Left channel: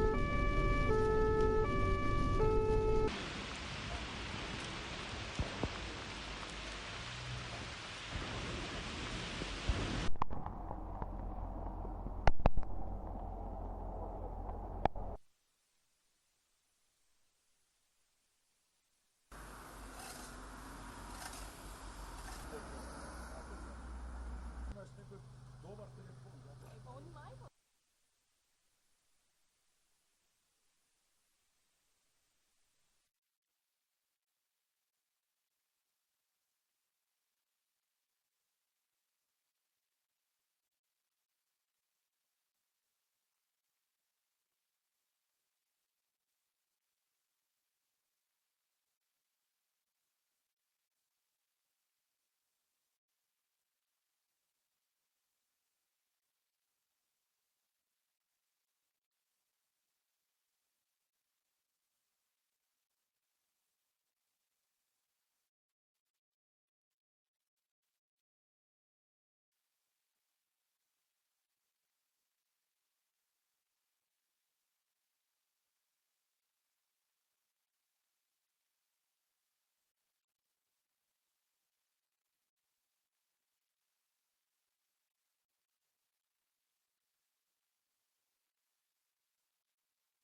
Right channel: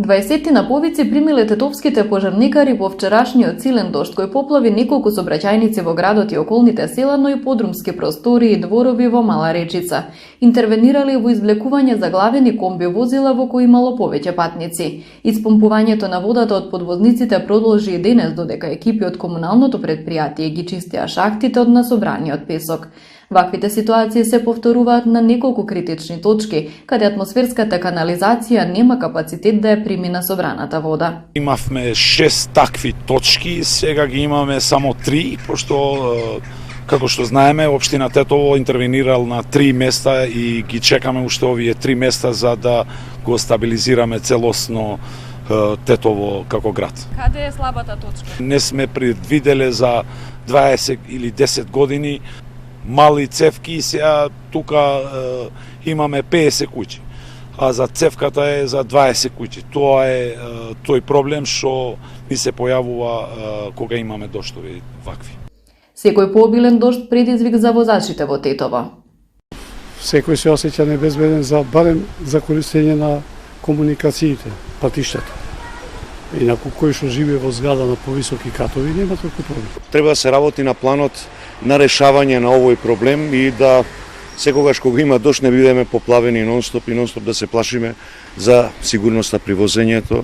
20 на повици примиле тетовските пожарникари во вчерашниот силен дожд кој поплави неколку сообраќајници во градот и околните села, но и подрумски простори и дворови во Мала Речица. Интервенирале во извлекување заглавени комби возила во кои имало повеќе патници. Испомпувањето на водата од подвозниците продолжи и денес, додека екипи од комуналното претпријатие ги чистеа шахтите од насобраниот песок. Ваквите ситуации се повторуваат на неколку критични точки, каде атмосферската канализација нема капацитет да ја прими насобраната вода. Имавме 6 такви точки, сега ги имаме само 3, пошто како што знаеме, општина Тетово интервенирал на 3 места и ги чекаме уште овие 3 места за да го стабилизираме целосно Тетово како град. Каде е слабата точка? Не сме предвиделе за 20 или 10 години мали цевки и сега тука имаме 50 куќи, а за цевката е за 20 куќи. Тоа е тој проблем што ни се појавува кога имаме доштови вакви. Секој пообилен дожд предизвик за возачите во Тетово. Секој се осеќа небезбеден барем за користење на комуникациите, патиштата. Инаку кој што живее во зграда на повисоки катови нема толку проблем. Треба да се работи на планот на решавање на овој проблем и да секогаш кога има дожд не бидеме поплавени нонстоп и нонстоп да се плашиме за сигурноста при возењето.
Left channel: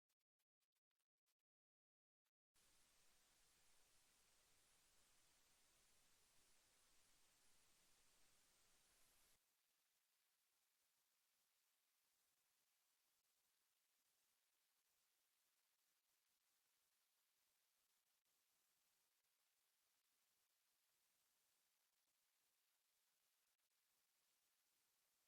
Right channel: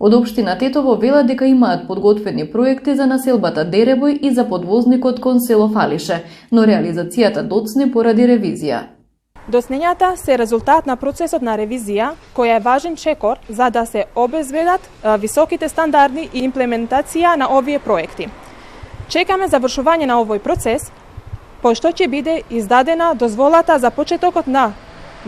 Од општина Тетово велат дека имаат подготвени проекти за населбата Деребој и за подвозникот кон село Фалише, но реализацијата доцне поради ревизија. Доцнењата се резултат на процесот на ревизија, која е важен чекор за да се обезбедат високите стандарди и имплементација на овие проекти. Чекаме завршување на овој процес, пошто ќе биде издадена дозволата за почетокот на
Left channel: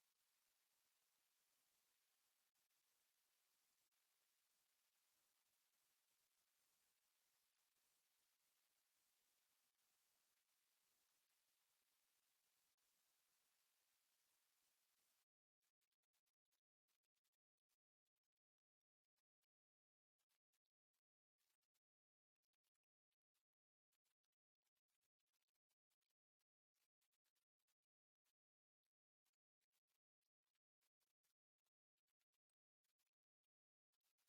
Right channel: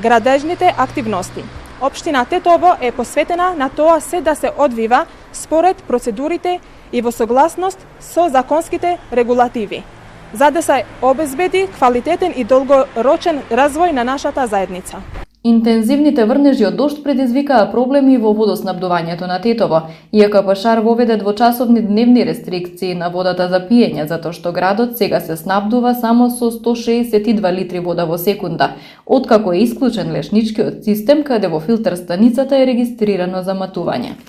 градежните активности. Општина Тетово е посветена на тоа се да се одвива според процедурите и во согласност со законските регулативи, за да се обезбеди квалитетен и долгорочен развој на нашата заедница. Интензивните врнежи од дожд предизвикаа проблеми во водоснабдувањето на Тетово. ЈКП воведе двочасовни дневни рестрикции на водата за пиење, затоа што градот сега се снабдува само со 162 литри вода во секунда, откако е исклучен лешничкиот систем каде во филтер станицата е регистрирано заматување.